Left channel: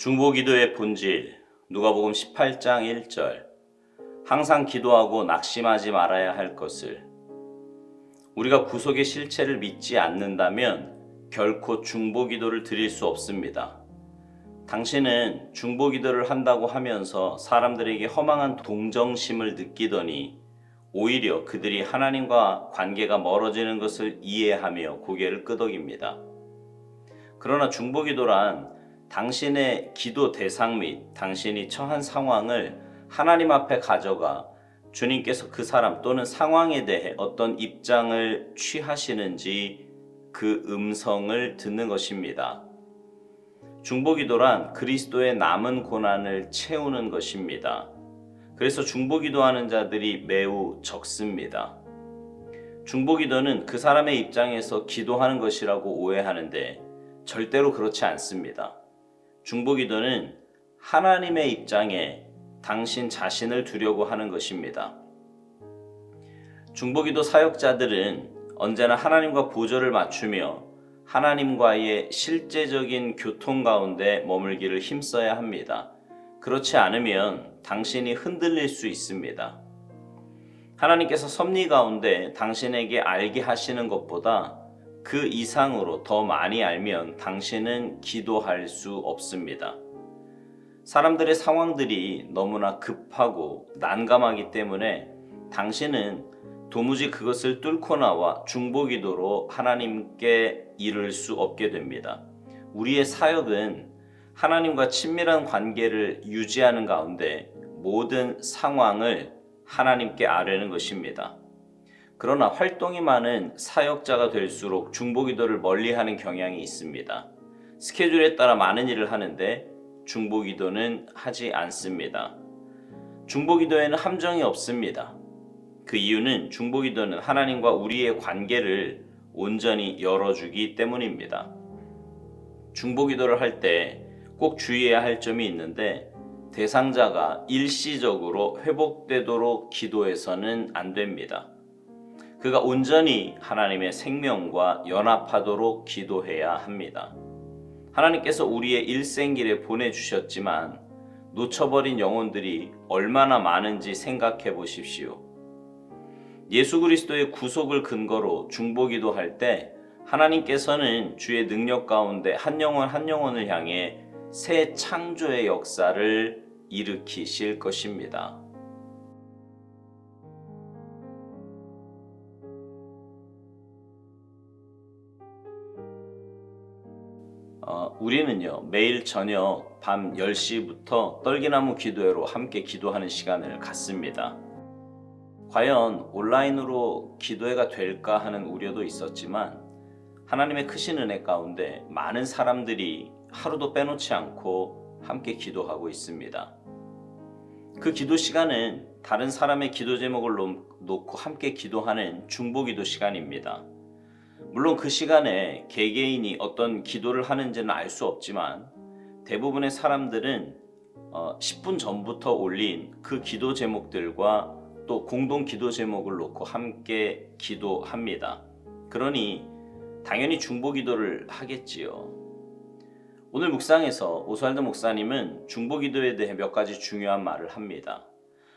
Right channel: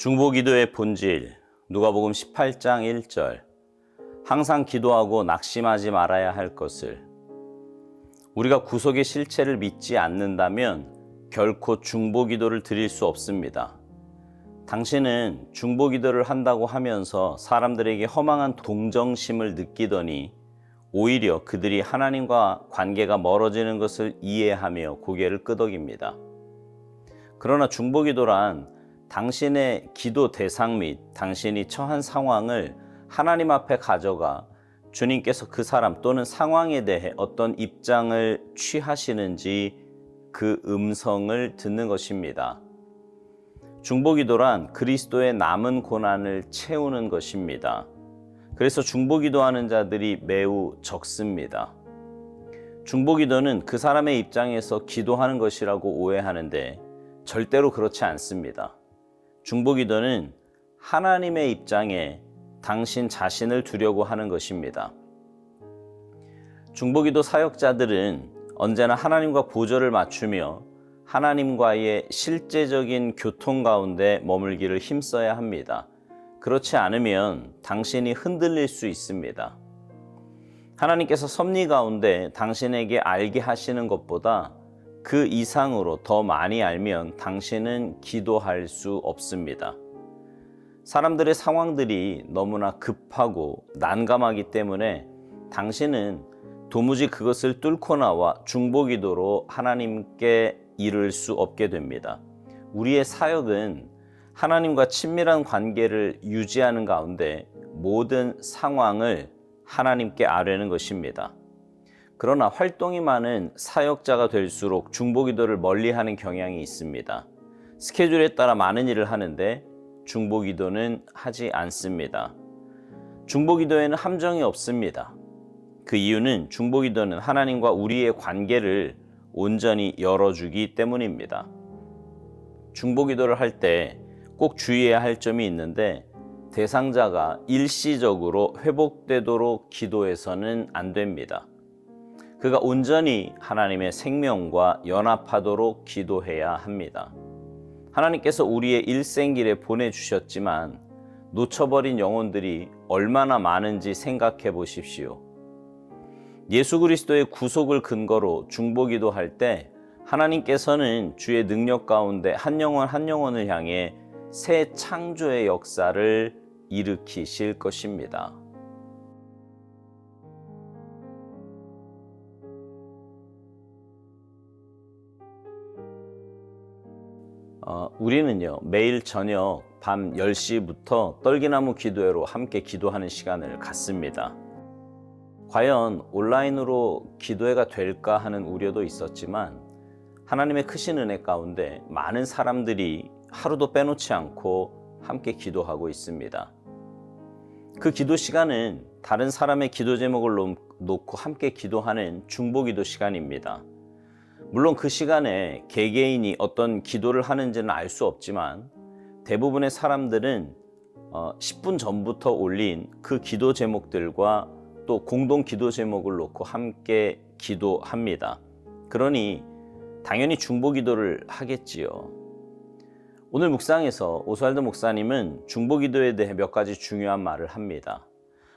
중보기도의 본질, 누가복음 18장 1절. 항상 기도하고 낙심하지 말아야 할 것을. 우리가 구속의 실체를 믿지 않는다면 결코 중보기도를 드릴 수 없습니다. 당신은 중보기도를 한다고 하면서 사람들에게 허망한 동정심을 느끼더니 오히려 그들이 하나님과 관계가 멀어지는 것을 이해하며 고개를 끄덕입니다. 그러나 중보기도란 당신의 기도 대상 및 당신이 처한 상황을 하나님 앞에 가져가 주님께서 그 사람 또는 상황에 대해 어떤 입장을 취하시는지 그 음성을 듣는 것입니다. 중보기도란 그리스도의 남은 고난을 채우는 것입니다. 그래서 중보기도하는 자들이 매우 적습니다. 중보기도는 그 사람의 입장에서 기도하는 것이라고 오해하는데 절대로 그렇지 않습니다. 중보기도는 하나님의 입장에 당신 자신을 두려고 하는 것입니다. 중보기도 사역자들은 언제나 하나님과 보조를 맞추며 하나님과의 실제적인 교통 가운데 머물기를 힘써야 합니다. 그렇지 않으면 당신이 흔들릴 수 있습니다. 하나님께서 섭리 가운데 당신에게 알게 하시는 것보다 그 이상으로 더 많이 알면 당신은 기도할 수 없습니다. 사람들의 상황들이 너무나 급하고 난감하기 때문에 당신은 도무지 그것을 뚫고 나와 중보기도로 하나님께 이를 수 없게 됩니다. 우리의 사역은 하나님과 친밀한 관계를 유지하는 가운데 모든 상황을 하나님께 아뢰는 것입니다. 그러나 활동이 많은 사역자가 될수록 중보기도를 멀리하는 경향이 있습니다. 스케줄에 따라 많은 일을 하는데 중보기도는 하지 않습니다. 중보기도에는 함정이 없습니다. 그 이유는 중보기도는 하나님과 우리의 관계를 온전히 열어주기 때문입니다. 중보기도를 할 때 꼭 주의해야 할 점이 있는데 대상자가 일시적으로 회복되도록 기도해서는 안 됩니다. 그가 온전히 하나님의 생명과 연합하도록 기도해야 합니다. 하나님께서 우리의 일생길에 보내주셨지만 놓쳐버린 영혼들이 얼마나 많은지 생각해 보십시오. 예수 그리스도의 구속을 근거로 중보기도 할 때 하나님께서는 주의 능력 가운데 한 영혼 한 영혼을 향해 새 창조의 역사를 일으키실 것입니다. 우리는요, 매일 저녁 밤 10시부터 떨기나무 기도회로 함께 기도하는 시간을 갖습니다. 과연 온라인으로 기도회가 될까 하는 우려도 있었지만 하나님의 크신 은혜 가운데 많은 사람들이 하루도 빼놓지 않고 함께 기도하고 있습니다. 그 기도 시간은 다른 사람의 기도 제목을 놓고 함께 기도하는 중보기도 시간입니다. 물론 그 시간에 개개인이 어떤 기도를 하는지는 알 수 없지만 대부분의 사람들은 10분 전부터 올린 그 기도 제목들과 또 공동 기도 제목을 놓고 함께 기도합니다. 그러니 당연히 중보기도를 하겠지요. 오늘 묵상에서 오스왈드 목사님은 중보기도에 대해 몇 가지 중요한 말을 합니다.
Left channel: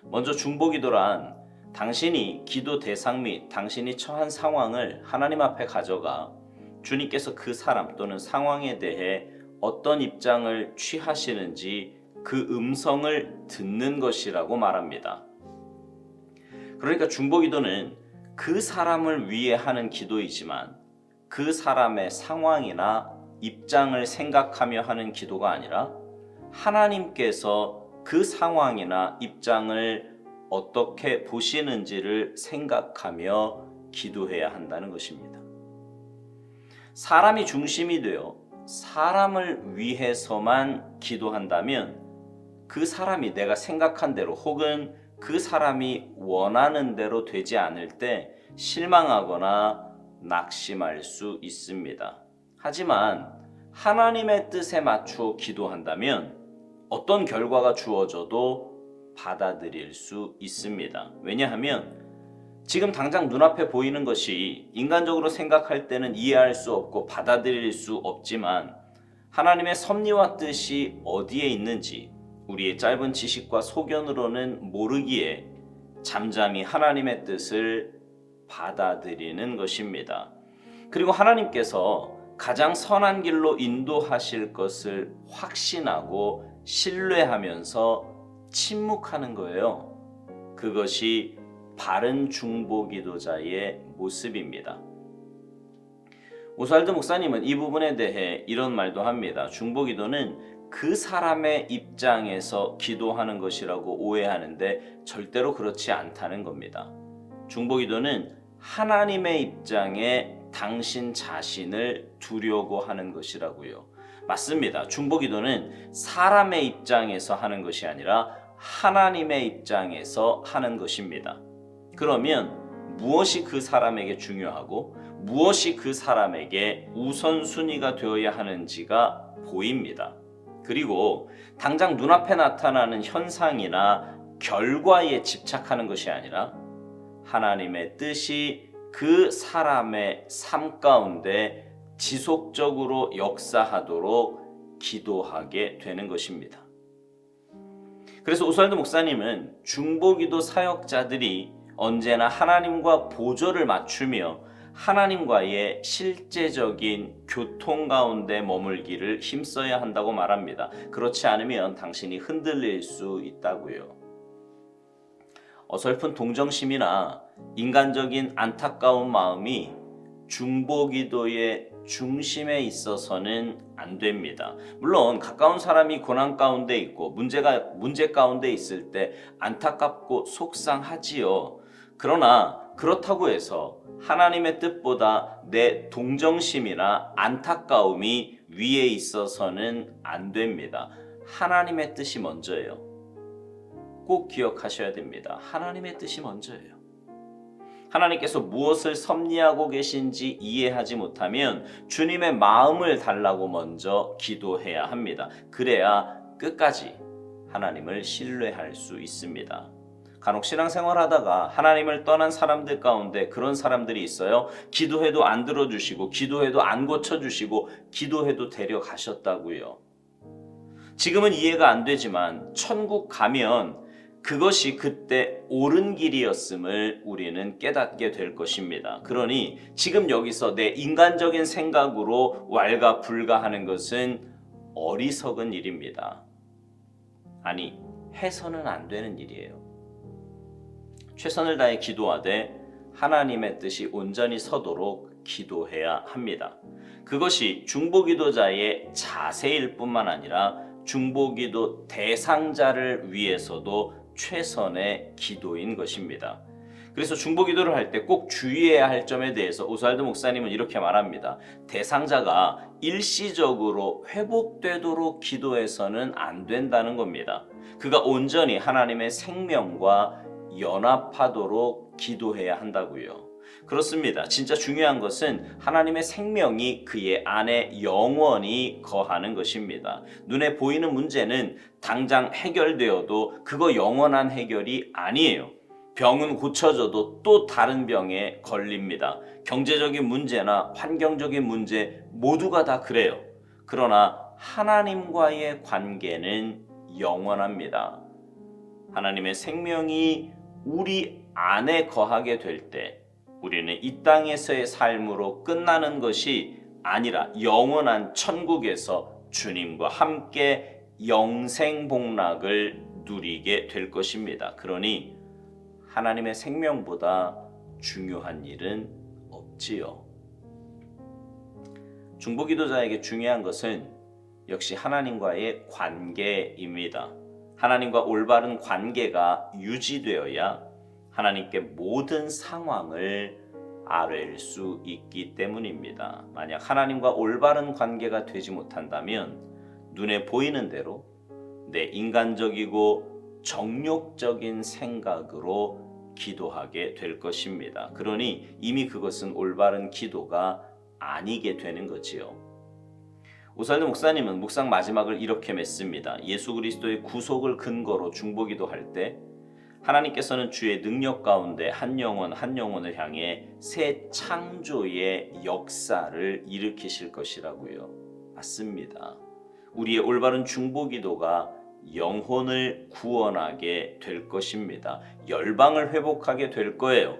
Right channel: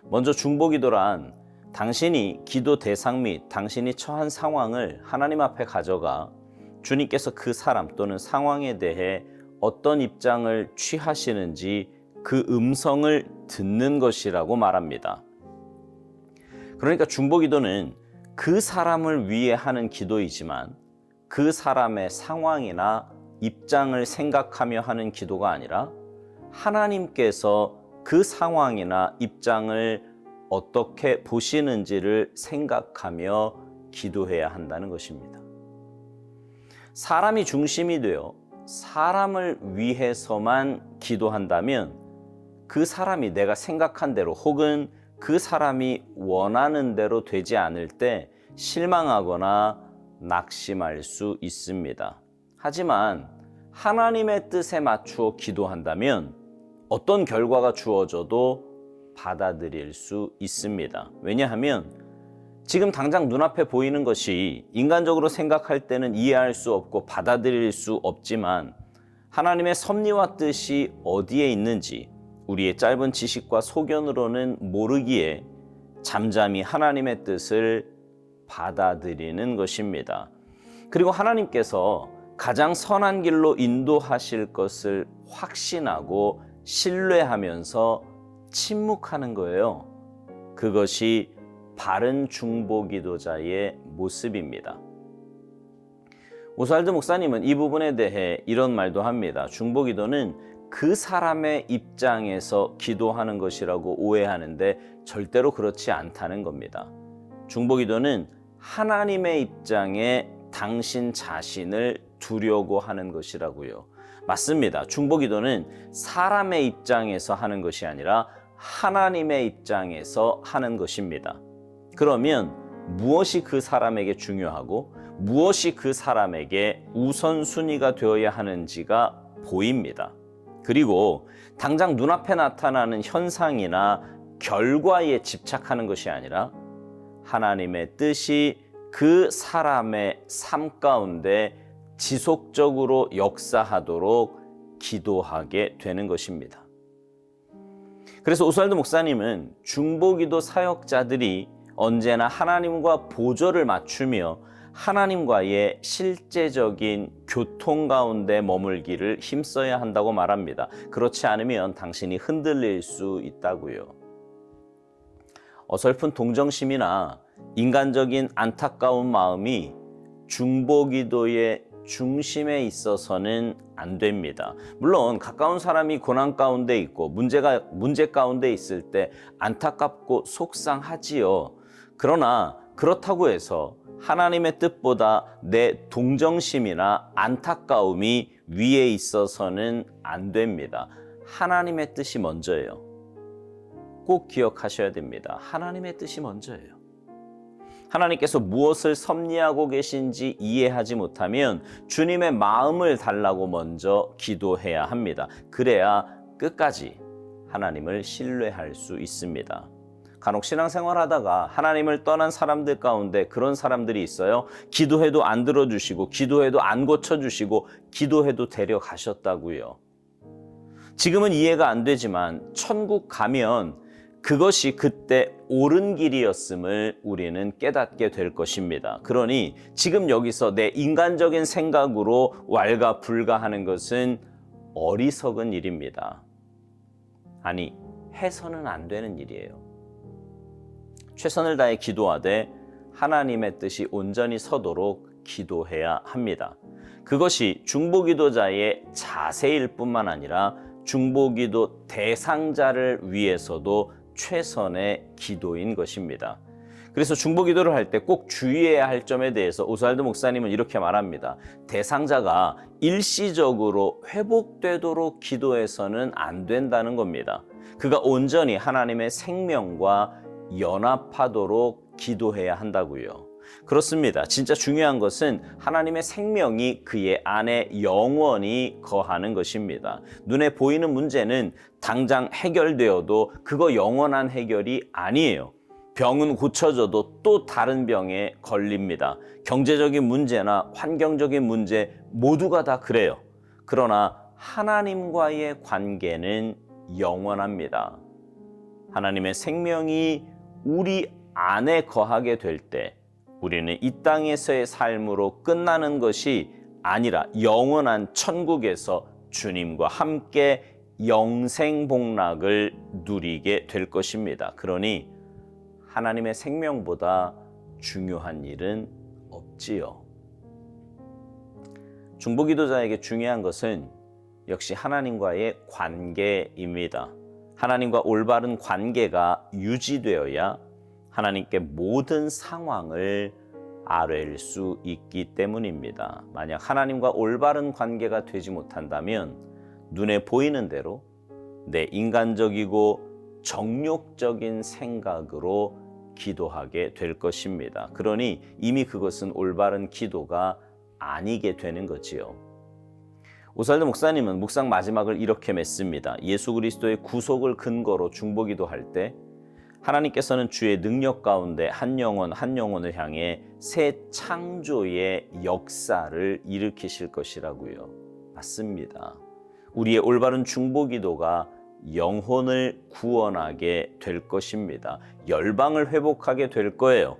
먼저 중보기도란 당신이 기도 대상 및 당신이 처한 상황을 하나님 앞에 가져가 주님께서 그 사람 또는 상황에 대해 어떤 입장을 취하시는지 그 음성을 듣는 것이라고 말합니다. 그러니까 중보기도는 그 사람을 위해 하는 기도이지만 그 사람의 상황이나 입장을 생각하며 하는 기도가 아니라 하나님께서 그 상황이나 입장을 어떻게 보시는지를 생각하며 기도해야 한다는 것입니다. 사람이 중심이 되어 사람을 위해서만 기도한다면 그 사람이 내가 생각한 대로 혹은 그 사람이 원하는 대로 되지 않을 때 실망하거나 낙심할 수 있습니다. 하지만 하나님의 뜻에 맞추어 기도한다면 어떤 결과가 주어져도 받아들일 수 있습니다. 왜냐하면 지금 당장 눈앞에 보이는 것이 인간적으로 생각할 때는 이해할 수 없고 받아들일 수 없지만 하나님의 섭리와 뜻이 어디에 있는지 우리의 짧은 지식과 소견으로는 모르기에 잠잠히 하나님의 뜻을 받아들이는 것입니다. 그리고 하나님께서 가장 선한 길로 인도하실 것을 확신하고 신뢰하면서 침묵하는 거예요. 그것이 바른 중보기도자의 모습입니다. 오스왈드 목사님은 이 부분에 대해 이런 말도 합니다. 중보기도는 그 사람의 입장에서 기도하는 것이라고 오해하는데 절대로 그렇지 않다는 겁니다. 중보기도는 하나님의 입장에 당신 자신을 두려고 하는 것이라고요. 맞습니다. 중보기도는 사람의 입장에서 하는 것이 아니라 하나님의 입장에서 하는 것입니다. 그러면 무엇이 그 사람에게 중요하고 무엇이 그 사람에게 우선순위가 되어야 하는지가 보입니다. 그리고 당장 눈앞에 나타나는 현상이나 결과에 집착하는 것이 아니라 하나님의 뜻이 그 사람의 삶 가운데 지속적으로 역사하도록 기도하게 되는 것입니다. 그래서 오스왈드 목사님은 중보기도 사역자들이 언제나 하나님과 보조를 맞추며 하나님과의 실제적인 교통 가운데 머물기를 힘써야 한다고 말합니다. 그렇지 않으면 당신이 흔들릴 수 있다고요. 어설픈 동정심이나 인간적인 안타까운 마음이 중보기도의 중심에 있어서는 안 됩니다. 물론 가까운 사람이 고난 가운데 있고 문제 가운데 있을 때 안타깝고 속상하지요. 그러나 그렇다고 해서 하나님의 뜻보다 내 동정심이나 안타까움이 위에 있어서는 안 됩니다. 하나님의 뜻이 먼저예요. 꼭 기억하셔야 됩니다. 하나님의 뜻이 먼저예요. 하나님께서 무엇을 섭리하고 계신지 이해하지 못하면 주님의 마음을 달라고 먼저 기도해야 합니다. 그래야 끝까지 하나님을 신뢰할 수 있습니다. 간혹 신앙생활 하다가 하나님을 떠난 사람들 가운데 그런 사람들이 있어요. 기도해도 안 들어주시고 기도해도 안 고쳐주시고 기도해도 데려가셨다고요. 지금은 이해가 안 되지만 천국 가면 그것이 그때 옳은 길이었음을 우리는 깨닫게 될 것입니다. 그러니 지금 여기서 내 인간적인 생각으로 왈가불가하는 것은 어리석은 일입니다. 아니, 해서는 안 되는 일이에요. 최선을 다해 기도하되 하나님의 뜻이 온전히 서도록 기도해야 합니다. 그것이 중보기도자의 자세일 뿐만 아니라 중보기도 대상자를 위해서도 최선의 기도인 것입니다. 그래서 중보기도를 할 때 꼭 주의해야 할 점에 대해서 오스왈드 목사님은 이렇게 말합니다. 대상자가 일시적으로 회복되도록 기도해서는 안 된다는 겁니다. 그가 온전히 하나님의 생명과 연합하도록 기도해야 한다고요. 그렇습니다. 진짜 중요한 것은 하나님의 생명이 그의 안에 영원히 거하는 것입니다. 눈에 보이는 문제는 당장 해결되어도 그거 영원한 해결이 아니에요. 병은 고쳐져도 또 다른 병에 걸립니다. 경제적인 문제나 환경적인 문제 모두가 다 그래요. 그러나 하나님과의 관계는 영원합니다. 하나님의 생명이 우리 안에 거하게 될 때 우리는 이 땅에서의 삶으로 끝나는 것이 아니라 영원한 천국에서 주님과 함께 영생복락을 누리게 될 것입니다. 그러니 하나님의 생명보다 중요한 일은 없지요. 중보기도자에게 중요한 것은 역시 하나님과의 관계입니다. 하나님과 올바른 관계가 유지되어야 하나님께 모든 상황을 아뢰일 수 있기 때문입니다. 만약 하나님과 올바른 관계가 되지 못한다면 눈에 보이는 대로 내 인간적이고 정욕적인 생각으로 기도하게 될 것입니다. 그러니 이미 그것은 올바른 기도가 아니게 되는 거지요. 오스왈드 목사님은 묵상 마지막을 이렇게 맺습니다. 예수 그리스도의 구속을 근거로 중보기도할 때 하나님께서는 주의 능력 가운데 한 영혼 한 영혼을 향해 새 창조의 역사를 일으키실 것이라고요. 맞습니다. 우리의 올바른 중보기도가 영혼을 구원하게 될 것입니다. 열방을 회복하게 될 거예요.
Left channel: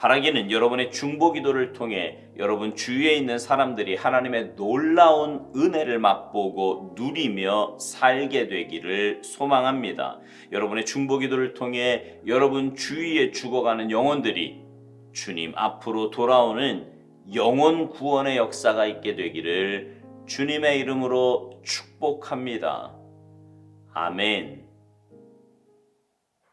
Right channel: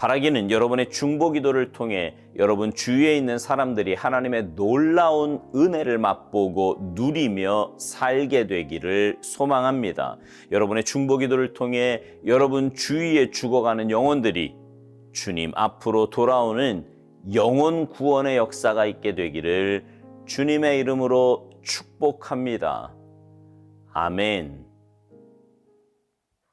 바라기는 여러분의 중보기도를 통해 여러분 주위에 있는 사람들이 하나님의 놀라운 은혜를 맛보고 누리며 살게 되기를 소망합니다. 여러분의 중보기도를 통해 여러분 주위에 죽어가는 영혼들이 주님 앞으로 돌아오는 영혼 구원의 역사가 있게 되기를 주님의 이름으로 축복합니다. 아멘.